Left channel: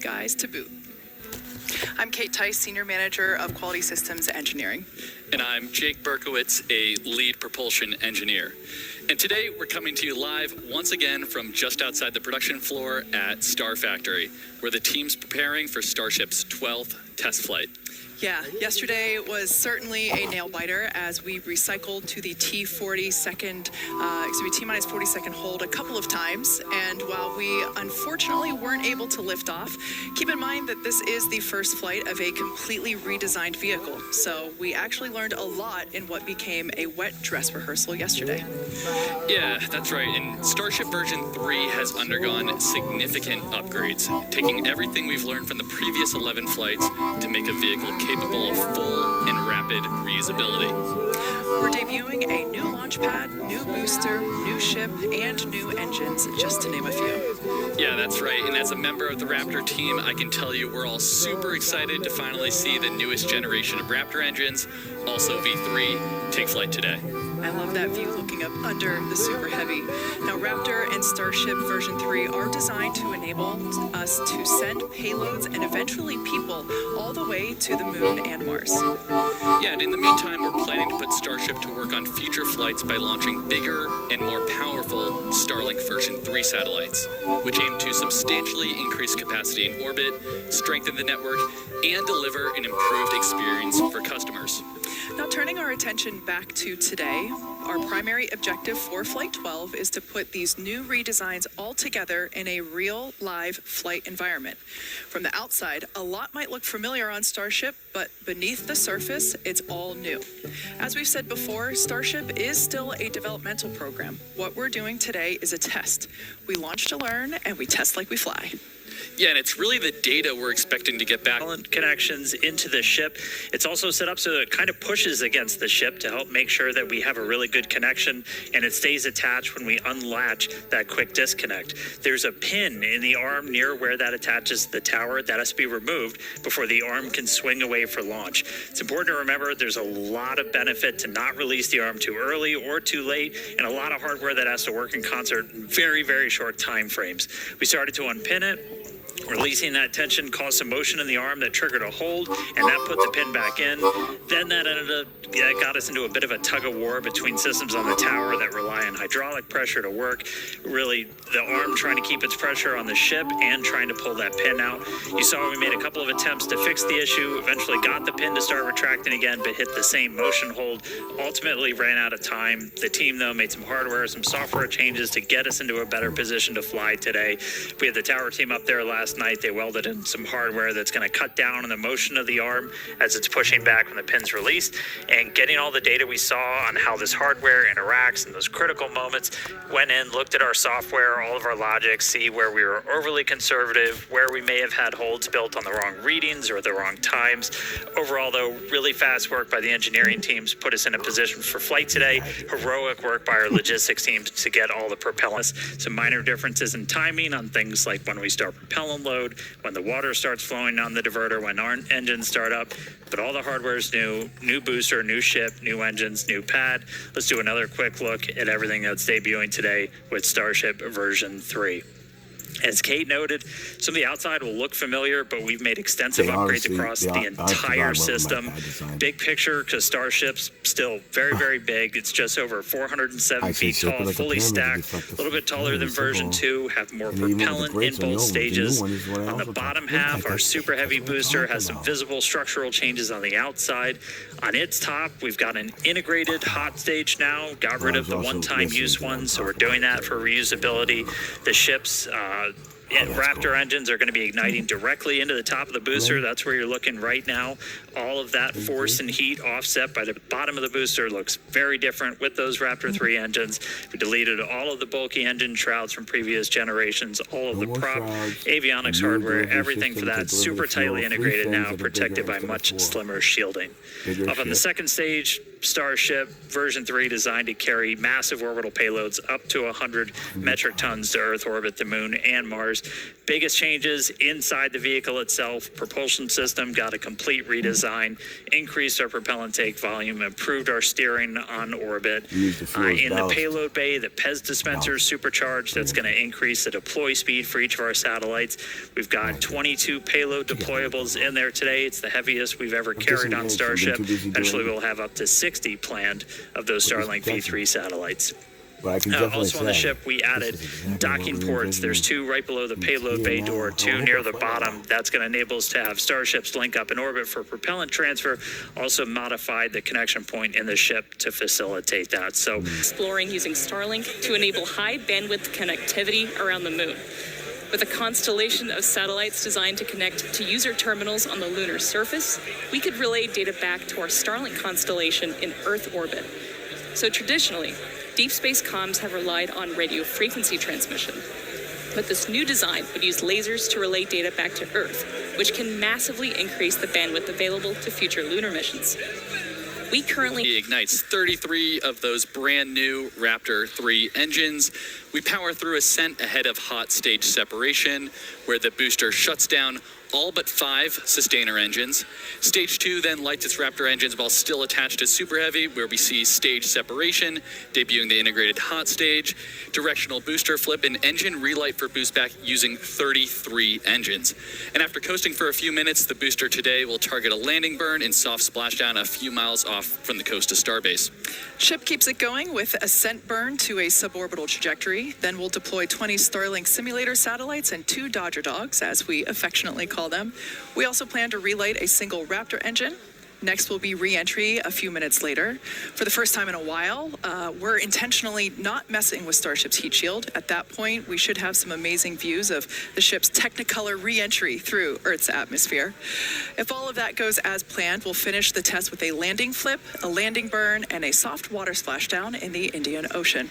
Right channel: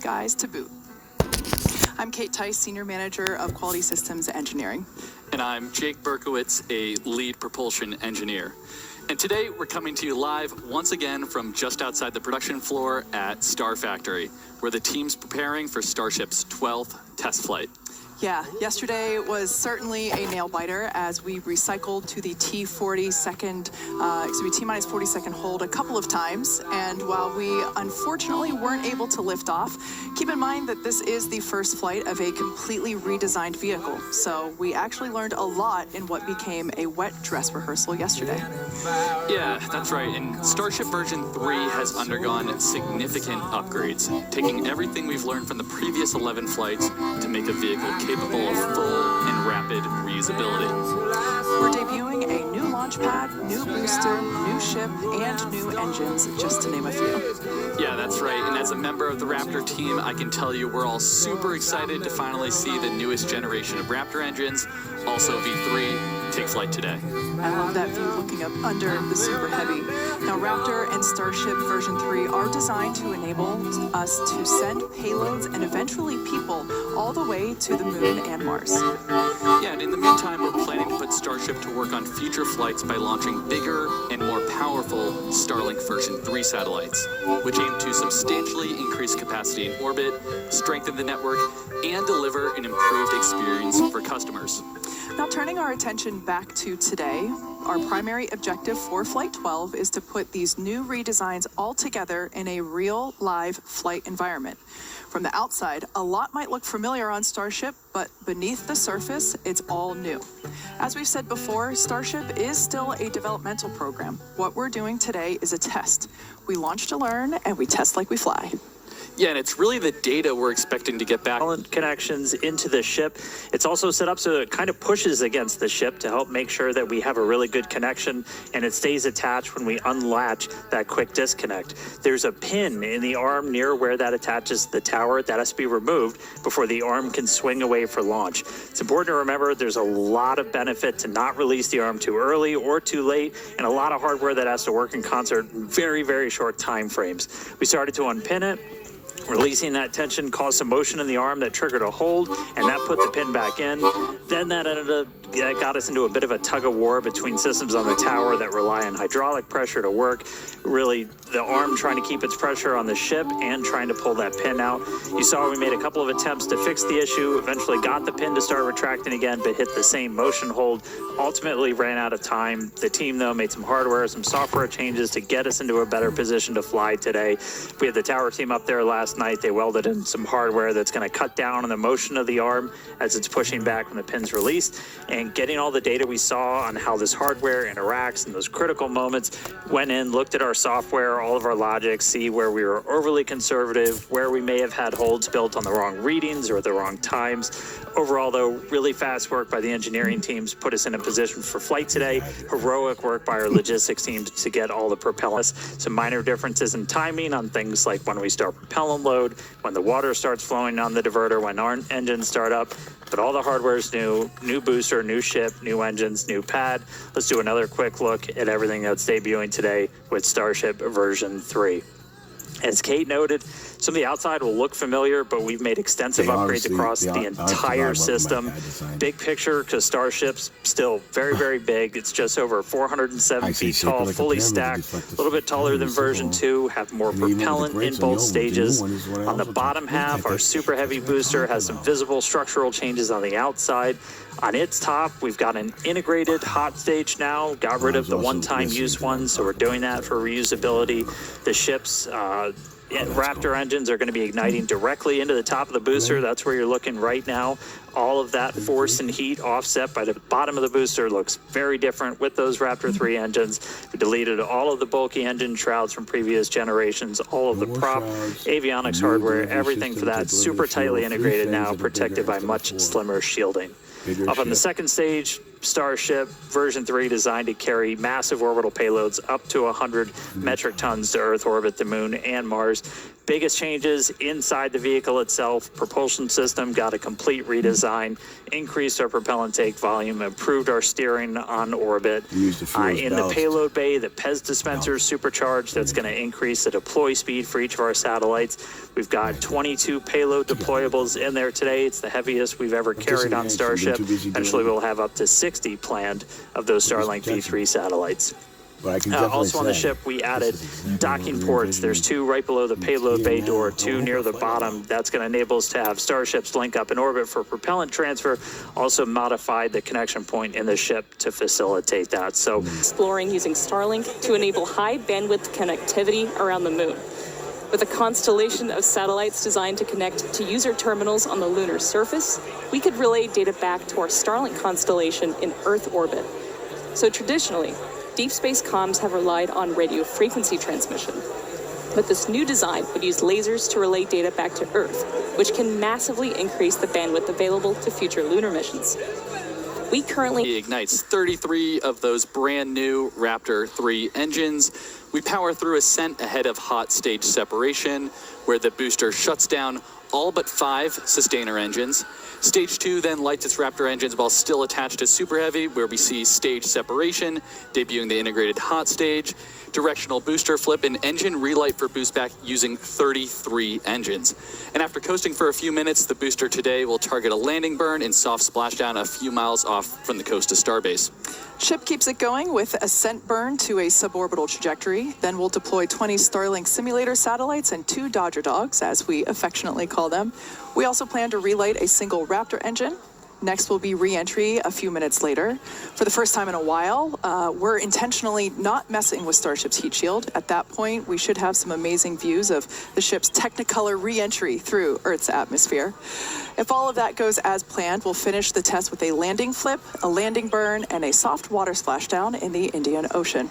guys to boot. I'm Kate Tice, Senior Manager of Quality Systems Engineering. And I'm Jake Berkowitz, a lead propulsion engineer. And today we're coming to you live once again from just outside the production floor at Star Factory, where the team's preparing for Starship's 12th test flight. Yeah, yesterday was certainly a nail biter as we recycled to the T-minus 40 second hold a couple of times. And while we unfortunately weren't able to lift off, keep in mind that this is the first flight of a completely redesigned vehicle. So we actually learned a lot in what became a wet dress rehearsal yesterday. Yeah, that's right. And Starship version 3 has undergone significant upgrades, taking everything we've learned from the previous 11 flights to make a vehicle capable of full and rapid reusability. We're debuting a new launch pad, new booster, new ship, and new engines, just to name a few. Yeah, that's right. And as a member of the Raptor team, I can tell you we're all super excited to finally see the newest generation of Raptor engines, also V3, take flight today. I love that view looking up under the Super Heavy. Now, Raptor and Starship version 3 are designed to enable us to send payloads and eventually people all the way to the moon and Mars. Yeah, and in the meantime, we're planning to put Starship to work on future flights by launching bigger and more powerful Starlink version 3 satellites, which aim to substantially increase capacity in orbit, strengthen the network, and deliver an improved experience for customers. Now, turning our attention back to today, our primary objective for Flight 12 is to put these new redesigns all together in a real live flight environment. From the outside, a lot might look familiar on Starship, but beneath the surface, it's all new. As we've said before, Starship is still a developmental program. What we're doing today is a test. We launch to learn, and we test like we fly. Yeah, and it's really the data we're expecting to get back. Connections into the ship. It's also set up so that it kind of pushes against the ship to help make sure that we have a really good connection and it stays attached when we unlatch that quick disconnect. There's a pin in the arm near where that attaches to the tower that has to be removed before the arm can swing away for launch. It's important to remember there's a lot of benefit to not release the arm too early or too late, and a lot of hardware that has to work in concert in very, very short time frames. We started to unpin it. Releasing that tension caused some motion in the arm that triggered a hold, and that put the pin back in. Then that got us into a bit of a tug of war between systems on the tower that rely on hydraulic pressure to work. Really, the arm trying to keep its pressure on the ship and trying to pull that pin out. You saw we made a couple of attempts to fix the issue, eventually got the pin to start retracting again, but hit the same motion hold. Ultimately ran out of time. The team, though, made some hardware, some software changes to get us into a better position to fly today. We had the tower team up there last night. They welded in some hardware that's going to cut down on the motion of the arm as it's pushing back when the pin's released, and getting all the data we saw on how this hardware interacts in those critical moments. Went in, looked at our software, all of our logic, see where we were overly conservative, where we may have had holds built on the wrong readings or the wrong times. Overall, though, really fast work by the engineering teams put us in a position for flight today. Heroic work by our logistics teams to get all the propellants. Some minor differences in timing on things like when we start propellant load, when the water starts flowing on the diverter, when our engines start up, but all the hardware is new booster, new ship, new engines, new pad. Let's do another quick look at everything that's debuting today with Starship version 3. As Kate noted, some of the outside will look familiar, but we've made extensive upgrades across the entire system. Big picture, because Starship's still very, very big. It's just over 407 feet tall, fully stacked, a little bit taller than version 2, have more propellant in both stages. On the bottom half, our Super Heavy booster has some visible structural changes on the outside. On its top, we've got an integrated hot stage now, got rid of the one-time use ones, so we're doing that for reusability. The ship's Raptor engines are going to be igniting directly into the top of the booster. That's where you're looking right now. All of that force and heat offset by the bottom of the booster looks very different with those Raptor 3 engines. We deleted all of the bulky engine shrouds from previous generations, all of the prop, avionics hardware, everything for that super tightly integrated now, protected by much slimmer shielding. Up on the second stage, Starship version 3 designed to carry massive orbital payloads up to 100 metric tons to Earth orbit, the moon, and Mars. Biggest changes inside the vehicle itself. Propulsion system got a complete redesign. design, increased our propellant take volume, improved our steering on orbit. Use the fuel as In the ballast. payload bay, the PEZ dispenser is supercharged. That's going to increase the deploy speed for each of our satellites. We've got 22 payload deployables in there today. It's the heaviest we've ever carried on Starship. Eventually, we'll have up to 60 planned of those Starlink V3 satellites. But I can definitely Also on the say ship, we added this is exactly docking what we ports. envisioned. There's 2 right below the payload bay door, 2 near the bottom. That's going to enable us to have starships link up in orbit for propellant transfer. Also modified the connection point in the ship to facilitate that. So Exploring using Starlink to enable high bandwidth connectivity around the moon. With a constellation of satellites designed to connect to user terminals on the lunar surface, we could relay data back to our Starlink constellation in Earth orbit. So traditionally, deep space comms have relied on radio frequency transmission. But this new design would use lasers to relay data back to Earth, which can massively increase the bandwidth available to future lunar missions. We currently He ignites 33 of those brand new Raptor 3 engines. We power through ascent ahead of hot stage separation, where the booster shuts down all but 5 sustainer engines. Stage 2 then lights its Raptor engines while still attached to Super Heavy, where we see stage separation, debuting the integrated hot stage, directional booster flip, and engine relight for boost back using 33 engines. And after coasting for a few minutes, the booster today will target a landing burn and soft splashdown a few miles off from the coast to Starbase. Ship keeps it going with ascent burn to a suborbital trajectory. Then we'll deploy 20 Starlink simulator satellites and 2 Dodger Dogs, as we affectionately call them. We also plan to relight a single Raptor engine. Next will be re-entry a few minutes later. For the first time in a while, we're intentionally not messing with Starship's heat shield. At that point, we should have some amazing views of the ship's Technicolor re-entry through Earth's atmosphere. If all of that goes as planned, we'll finish the test with a landing flip, a landing burn, and a soft water splashdown in the Indian Ocean.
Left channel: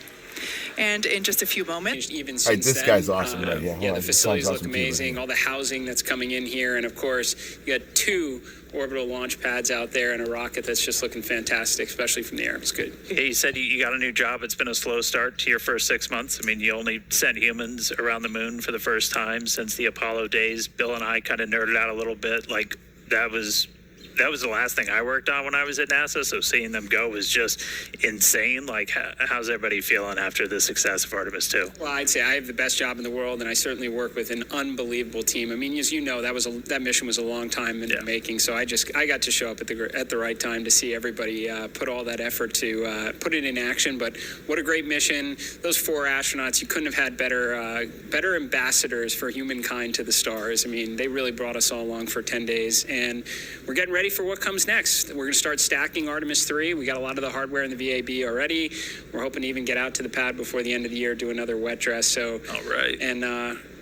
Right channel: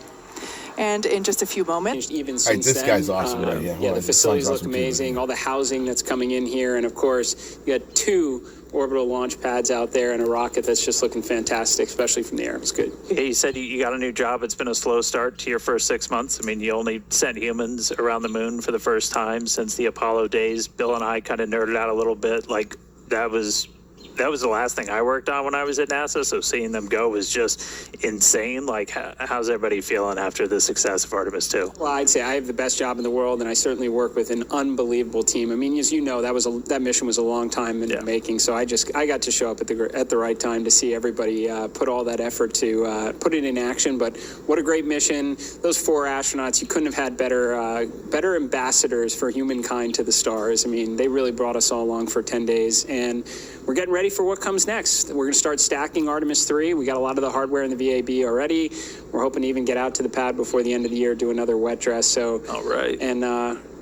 And in just a few moments, Even All right, since this then, guy's awesome, right? Yeah, yeah, hold the on. This facilities sounds look awesome too, amazing. right? All the housing that's coming in here, and of course, you got 2 orbital launch pads out there and a rocket that's just looking fantastic, especially from the air. It's good. yeah, you said you got a new job. It's been a slow start to your first 6 months. I mean, you only sent humans around the moon for the first time since the Apollo days. Bill and I kind of nerded out a little bit. Like, that was the last thing I worked on when I was at NASA, so seeing them go was just insane. Like, how's everybody feeling after the success of Artemis 2? Well, I'd say I have the best job in the world, and I certainly work with an unbelievable team. I mean, as you know, that mission was a long time in the making. So I got to show up at the right time to see everybody put all that effort to put it in action. But what a great mission! Those 4 astronauts, you couldn't have had better ambassadors for humankind to the stars. I mean, they really brought us all along for 10 days, and we're getting ready for what comes next. We're going to start stacking Artemis 3. We got a lot of the hardware in the VAB already. We're hoping to even get out to the pad before the end of the year, do another wet dress. So, All right. And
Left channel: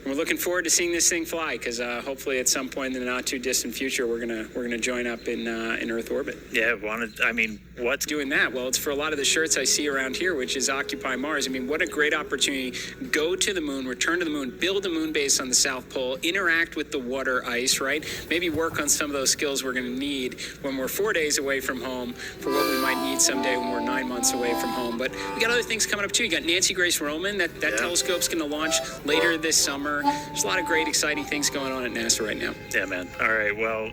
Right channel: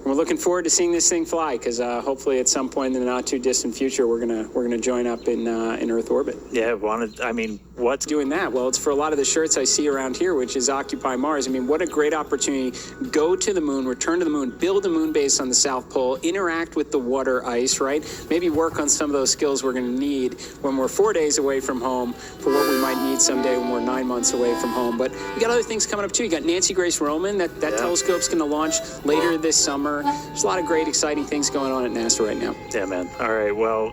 we're looking forward to seeing this thing fly, because hopefully at some point in the not too distant future, we're gonna join up in Earth orbit. Yeah, what's Doing that? Well, it's for a lot of the shirts I see around here, which is Occupy Mars. I mean, what a great opportunity. Go to the moon, return to the moon, build a moon base on the South Pole, interact with the water ice, right? Maybe work on some of those skills we're going to need when we're 4 days away from home for what we might need someday when we're 9 months away from home. But we got other things coming up too. You got Nancy Grace Roman. That telescope's going to launch later this summer. There's a lot of great, exciting things going on at NASA right now. Yeah, man. All right. Well,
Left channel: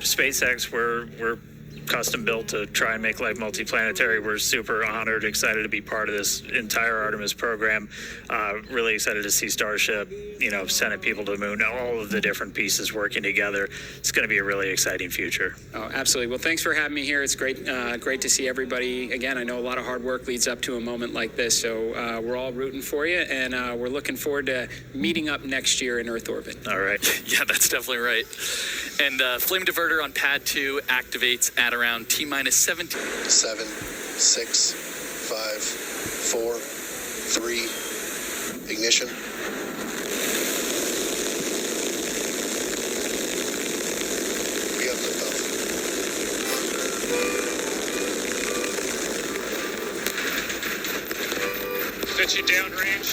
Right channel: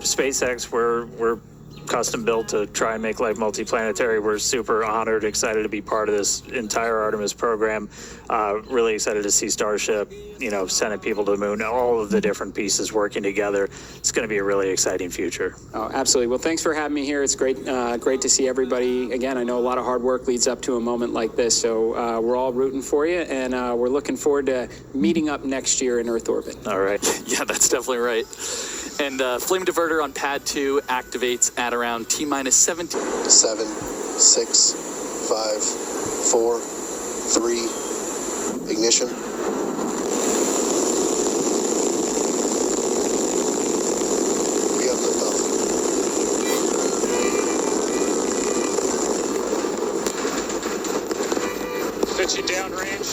SpaceX, we're custom built to try and make life multiplanetary. We're super honored, excited to be part of this entire Artemis program. Really excited to see Starship, sending people to the moon, all of the different pieces working together. It's going to be a really exciting future. Oh, absolutely. Well, thanks for having me here. It's great to see everybody. Again, I know a lot of hard work leads up to a moment like this, so we're all rooting for you, and we're looking forward to meeting up next year in Earth orbit. All right. Yeah, that's definitely right. And Flame Diverter on Pad 2 activates at around T-minus 17. 7, 6, 5, 4, 3, ignition. We have liftoff. Pitching downrange.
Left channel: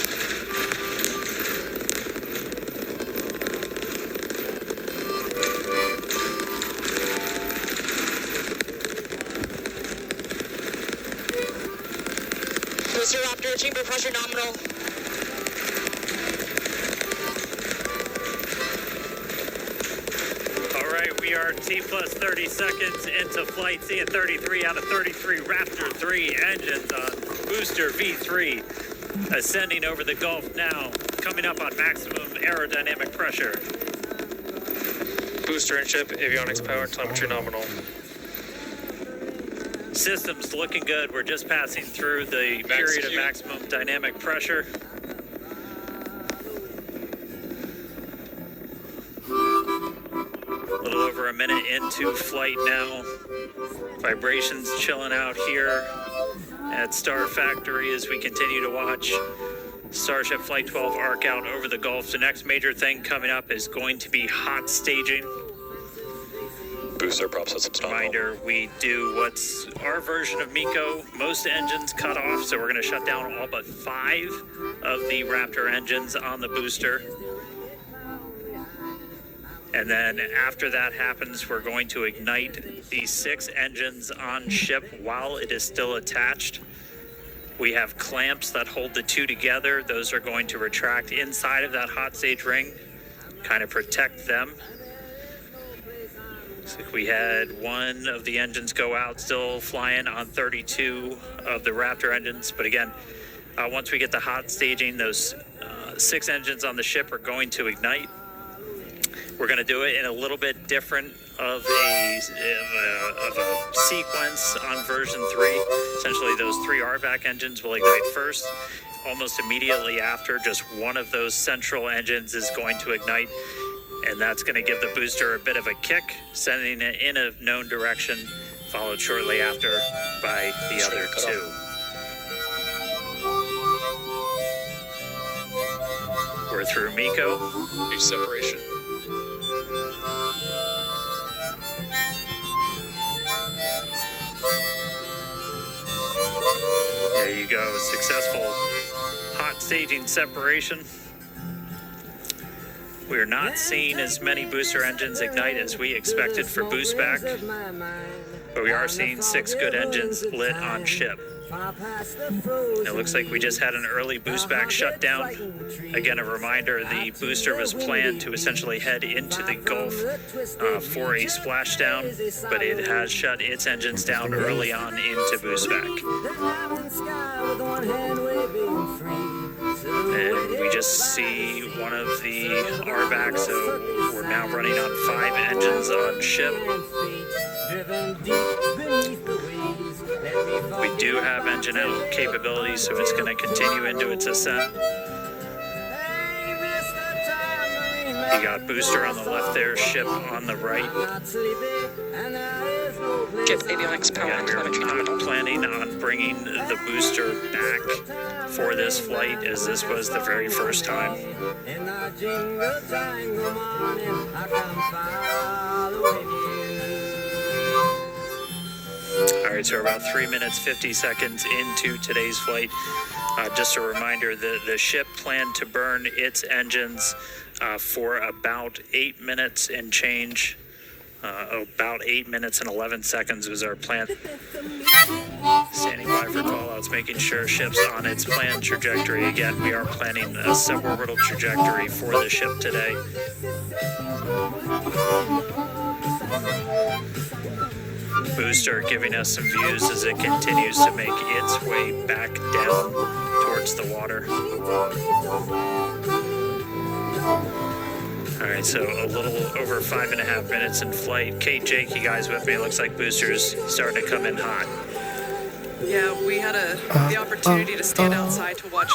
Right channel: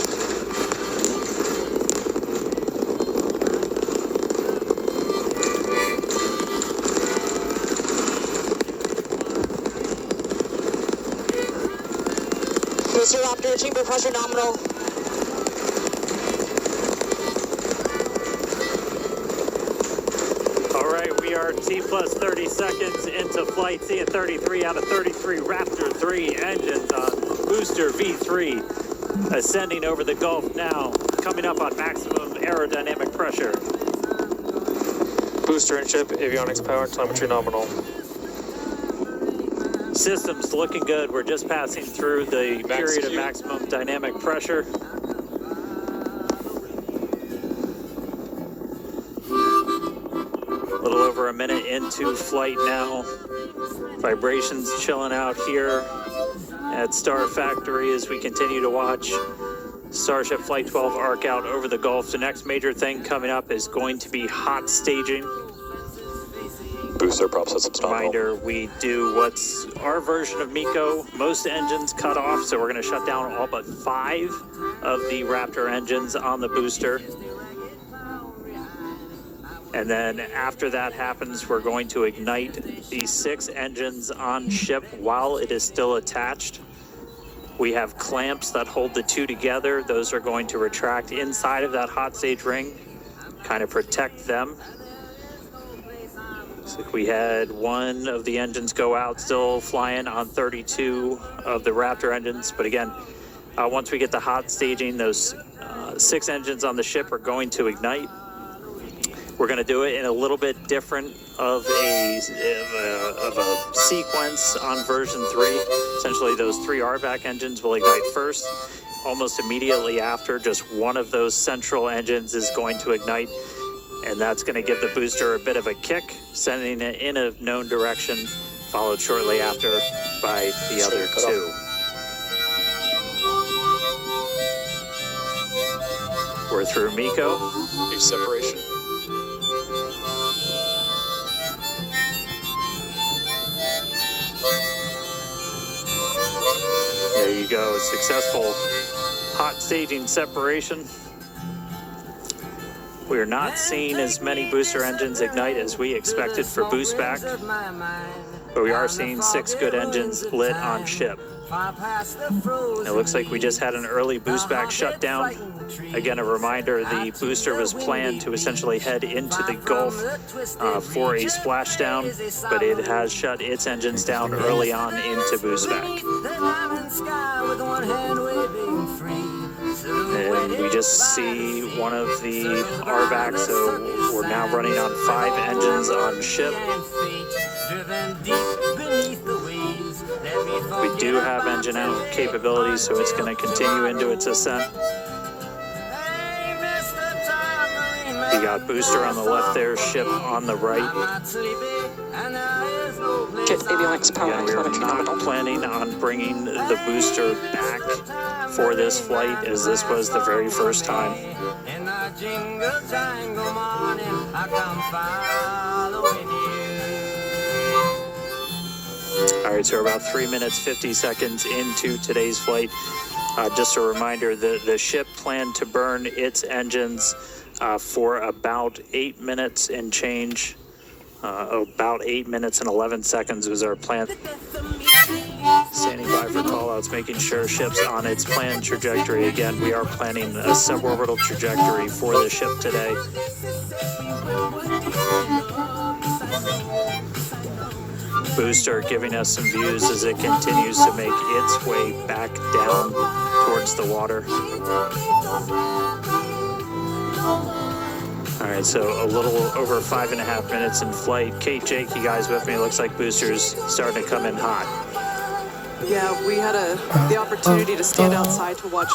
Booster Raptor, chamber pressure nominal. All right. We are T plus 30 seconds into flight, seeing 33 out of 33 Raptor 3 engines on booster V3, ascending over the Gulf now, coming up on maximum aerodynamic pressure. Booster and ship, avionics power, telemetry nominal. Systems looking good. We're just passing through the period of maximum dynamic pressure. A little over a minute into flight now. Vibrations chilling out here at Star Factory as we continue to watch Starship Flight 12 arc out over the Gulf. The next major thing coming up is going to be hot staging. Booster prop systems nominal. Reminder, we do what's our version of MECO. Most engines cut off, so we're going to shut down all but 5 of the Raptor engines on the booster. And then after that happens, we're going to ignite the 6 engines on ship while it is still attached. We have clamps that hold the 2 together. Those are going to retract inside of that hot stage ring, kind of protect them. Looks like we had one of the engines go out, still flying on 32 of the Raptor engines. But again, once we get the hot staging, those 6 engines on the ship are going to ignite. We're going to do it in a little bit different of a sequence on version 3. Essentially, those 3 RVAC engines will ignite first. Almost immediately after, just one of those central engines is going to ignite, and that's going to give the booster a bit of a kick, sending it in a known direction, followed shortly after by the other 2. We're through MECO. H separation. There you go, successful hot staging separation. We are not seeing as many booster engines ignite as we expected for boost back, but we are seeing 6 good engines lit on ship. It looks like we just had an early boost back shutdown. Again, a reminder, the booster was planned to essentially head into the Gulf for a splashdown, but it has shut its engines down early on into boost back. And we just see one of the RVACs, so we're now running on 5 engines on ship. We do have engine out capability, so it's going to continue into its ascent. You got booster on the left there, ship on the right. Get avionics power Again, and we're telemetry not nominal. planning on bringing the booster back for this flight, as this was the very first time. All right, so we're about 3 minutes, 50 seconds into today's flight. Just a reminder that the ship planned to burn its engines for about 8 minutes and change. About 8 minutes and 11 seconds was our plan. Standing by for callouts, making sure ship's on its planned trajectory. Again, we are planning a suborbital trajectory for the ship today. Booster giving us some views as it continues to make its way back down towards the water. All right, so a little over 5.5 minutes in flight. Kate, Jake, you guys with me? Looks like booster's starting to come in hot. Yeah, we had the opportunity to stand outside to watch